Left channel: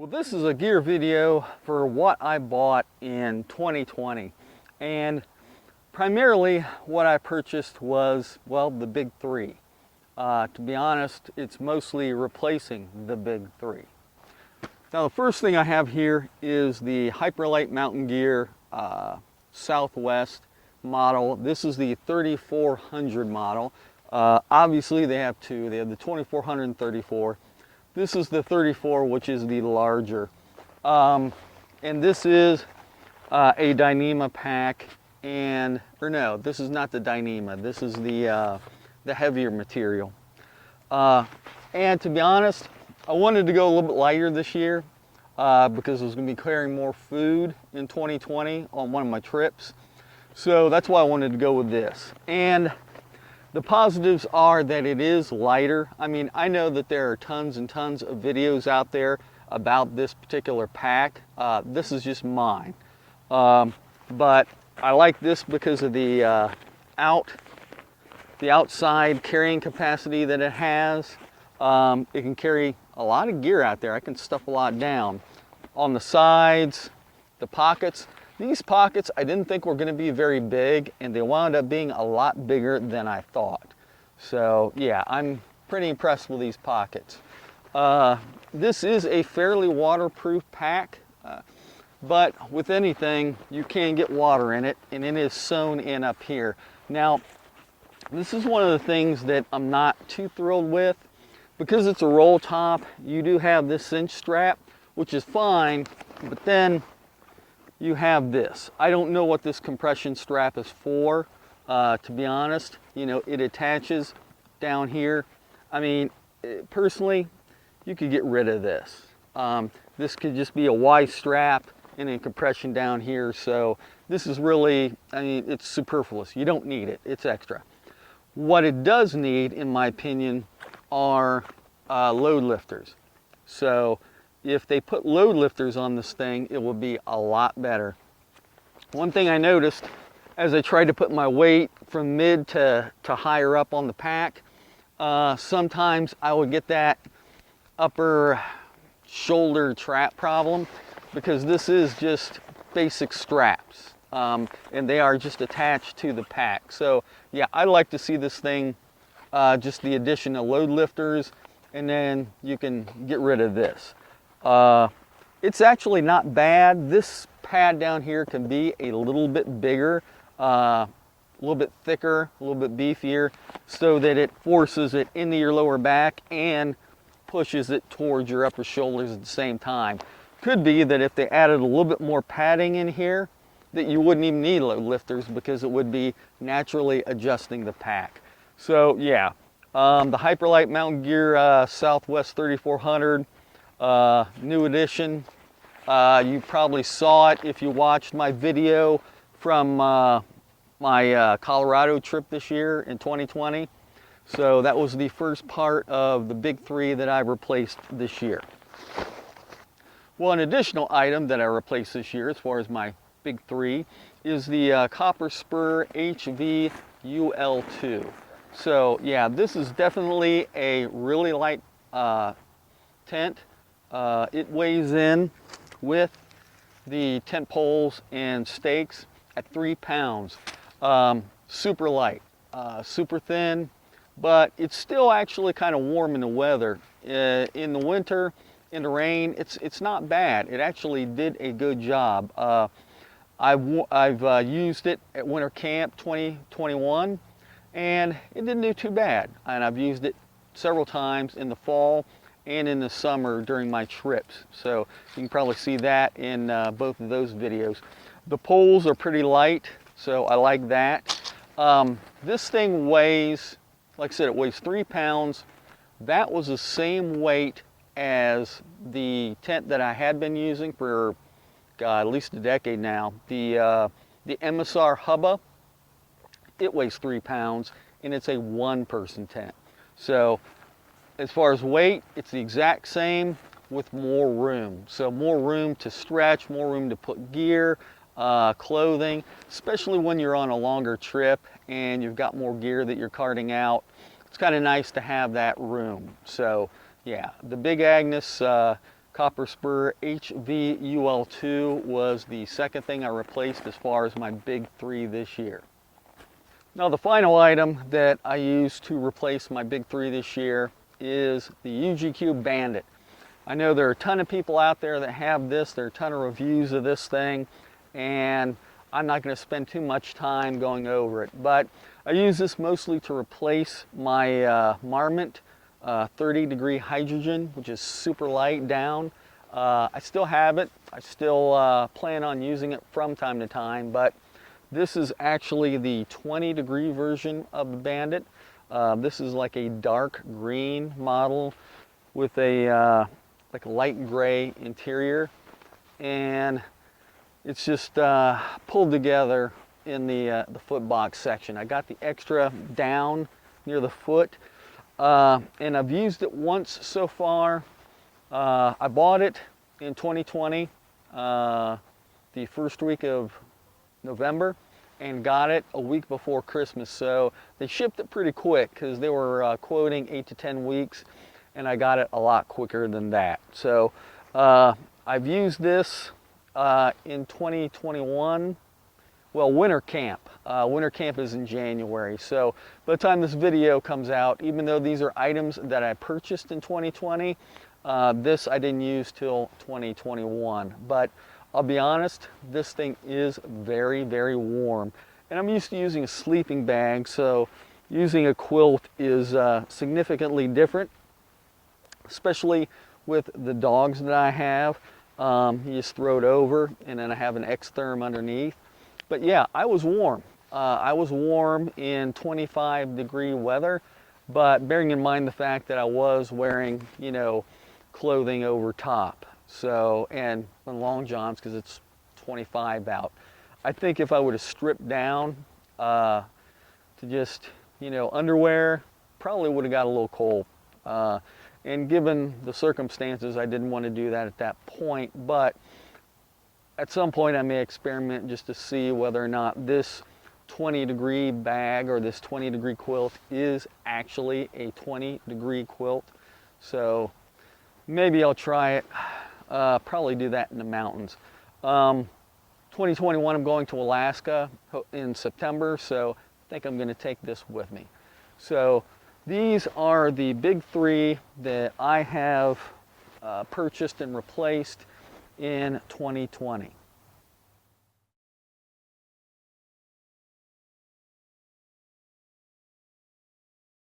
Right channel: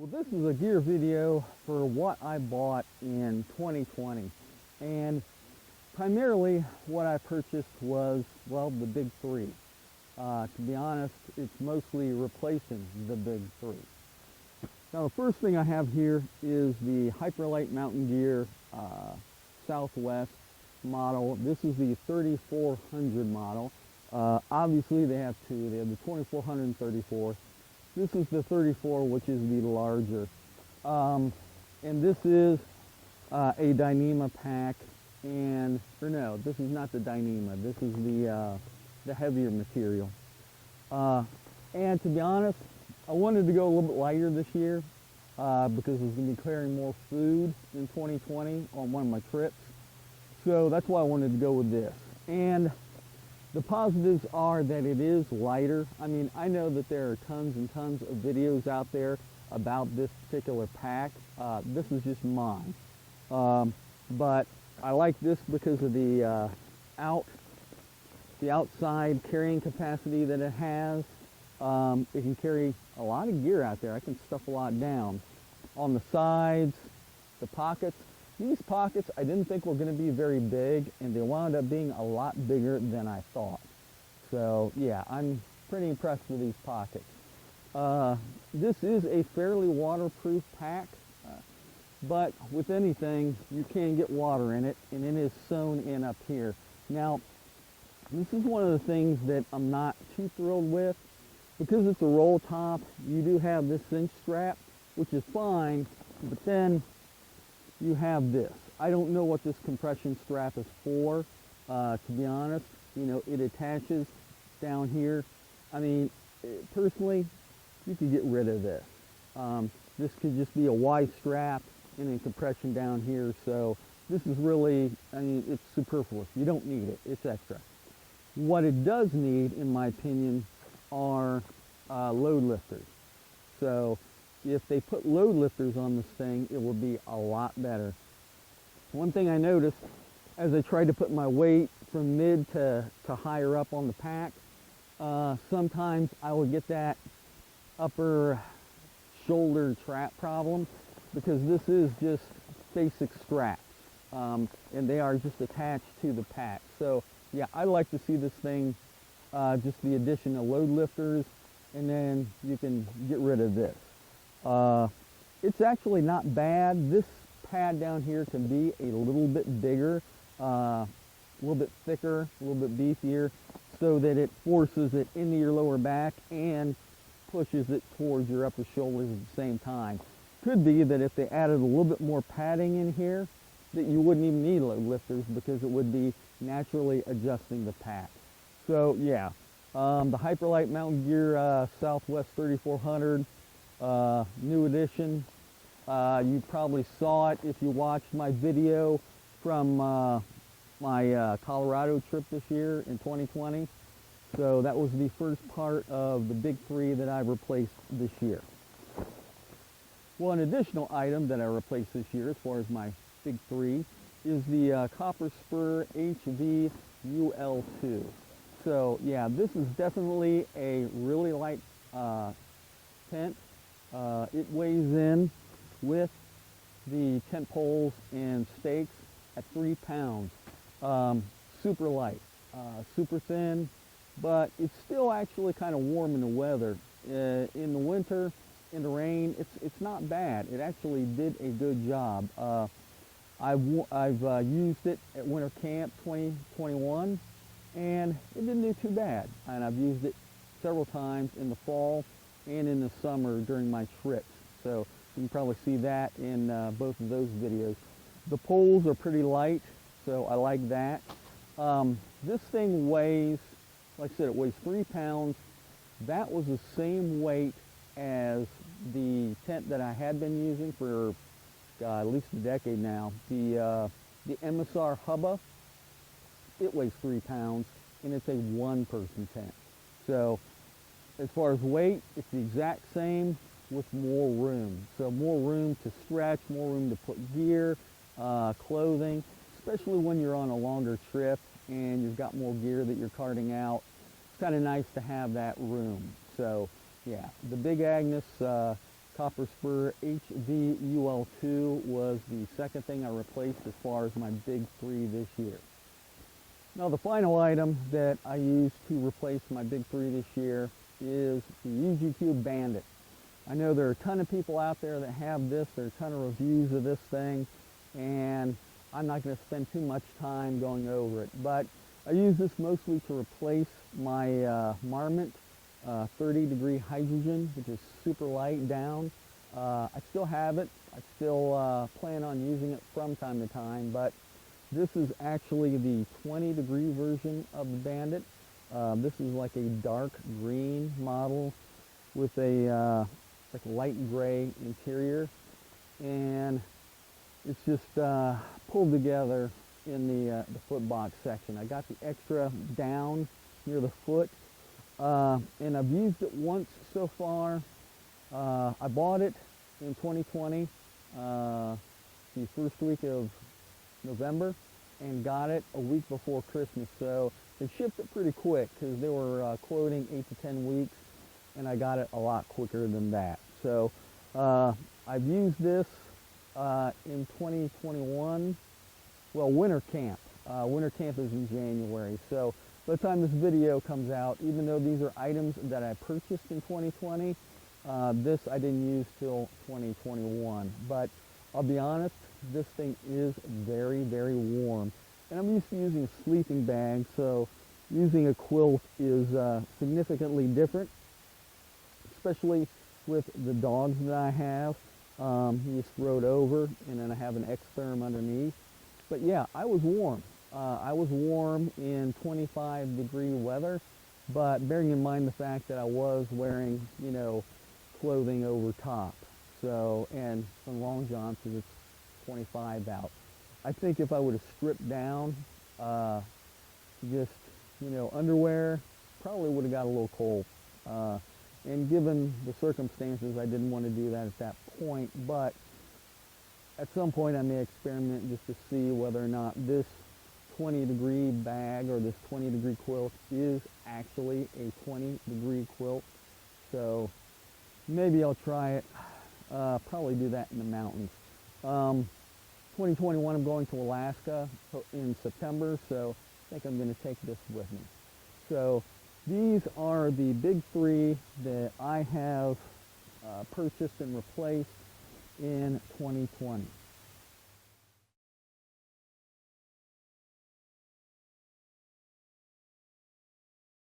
Well, this is a gear video for what I bought in 2020, and primarily what I purchased was, well, the big three. To be honest, it's mostly replacing the big three. Now, the first thing I have here is the Hyperlite Mountain Gear Southwest model. This is the 3400 model. Obviously, they have two. They have the 2400 and 34. This is the 34, which is the larger. And this is a Dyneema pack, or no, this is not the Dyneema. This is the heavier material. And to be honest, I wanted to go a little bit lighter this year because I was going to be carrying more food in 2020 on one of my trips. So that's why I wanted to go with this. And the positives are that it is lighter. I mean, I know that there are tons and tons of videos out there about this particular pack. This is just mine. But I like this because of the outside carrying capacity that it has. It can carry a lot of gear out there. I can stuff a lot down. On the sides, the pockets. These pockets I didn't think were going to be very big, and they wound up being a lot bigger than I thought. So yeah, I'm pretty impressed with these pockets. This is a fairly waterproof pack, but with anything, you can get water in it, and it is sewn in up here. Now, this is one of the things that I'm not too thrilled with. Because it's a roll top, you do have this cinch strap, which is fine, but then you have this. I don't know what this compression strap is for, to be honest. You know, it attaches down here. I mean, personally, you could get rid of this. This could just be a Y strap and then compression down here. So this is really, I mean, it's superfluous. You don't need it, it's extra. What it does need, in my opinion, are load lifters. So if they put load lifters on this thing, it will be a lot better. One thing I noticed as I tried to put my weight from mid to higher up on the pack, sometimes I would get that upper shoulder trap problem because this is just basic straps, and they are just attached to the pack. So yeah, I like to see this thing just the addition of load lifters, and then you can get rid of this. It's actually not bad. This pad down here can be a little bit bigger, a little bit thicker, a little bit beefier, so that it forces it into your lower back and pushes it towards your upper shoulders at the same time. Could be that if they added a little bit more padding in here, that you wouldn't even need load lifters because it would be naturally adjusting the pack. So yeah, the Hyperlite Mountain Gear Southwest 3400, new edition. You probably saw it if you watched my video from my Colorado trip this year in 2020. So that was the first part of the big three that I replaced this year. Well, an additional item that I replaced this year as far as my big three is the Goldspur HV UL2. So yeah, this is definitely a really light tent. It weighs in with the tent poles and stakes at 3 pounds. Super light, super thin, but it's still actually kind of warm in the weather. In the winter, in the rain, it's not bad. It actually did a good job. I've used it at winter camp 2021, and it didn't do too bad. And I've used it several times in the fall and in the summer during my trips. So you can probably see that in both of those videos. The poles are pretty light, so I like that. This thing weighs, like I said, it weighs 3 pounds. That was the same weight as the tent that I had been using for at least a decade now. The MSR Hubba, it weighs 3 pounds, and it's a one-person tent. So as far as weight, it's the exact same with more room. So more room to stretch, more room to put gear, clothing, especially when you're on a longer trip and you've got more gear that you're carting out. It's kind of nice to have that room. So yeah, the big Agnes Goldspur HVUL2 was the second thing I replaced as far as my big three this year. Now the final item that I used to replace my big three this year is the UGQ Bandit. I know there are a ton of people out there that have this, there are a ton of reviews of this thing, and I'm not going to spend too much time going over it, but I use this mostly to replace my Marmot 30-degree hydrogen, which is super light down. I still have it. I still plan on using it from time to time, but this is actually the 20-degree version of the Bandit. This is like a dark green model with a like a light gray interior, and it's just pulled together in the foot box section. I got the extra down near the foot, and I've used it once so far. I bought it in 2020, the first week of November, and got it a week before Christmas. So they shipped it pretty quick because they were quoting 8 to 10 weeks, and I got it a lot quicker than that. So I've used this in 2021. Well, winter camp. Winter camp is in January. So by the time this video comes out, even though these are items that I purchased in 2020, this I didn't use till 2021. But I'll be honest, this thing is very, very warm. And I'm used to using a sleeping bag, so using a quilt is significantly different, especially with the dogs that I have. You just throw it over, and then I have an X-Therm underneath. But yeah, I was warm. I was warm in 25-degree weather, but bearing in mind the fact that I was wearing, you know, clothing over top. So, and long johns because it's 25 out. I think if I would have stripped down to just, you know, underwear, probably would have got a little cold. And given the circumstances, I didn't want to do that at that point, but at some point I may experiment just to see whether or not this 20-degree bag or this 20-degree quilt is actually a 20-degree quilt. So maybe I'll try it. Probably do that in the mountains. 2021, I'm going to Alaska in September, so I think I'm going to take this with me. So these are the big three that I have purchased and replaced in 2020.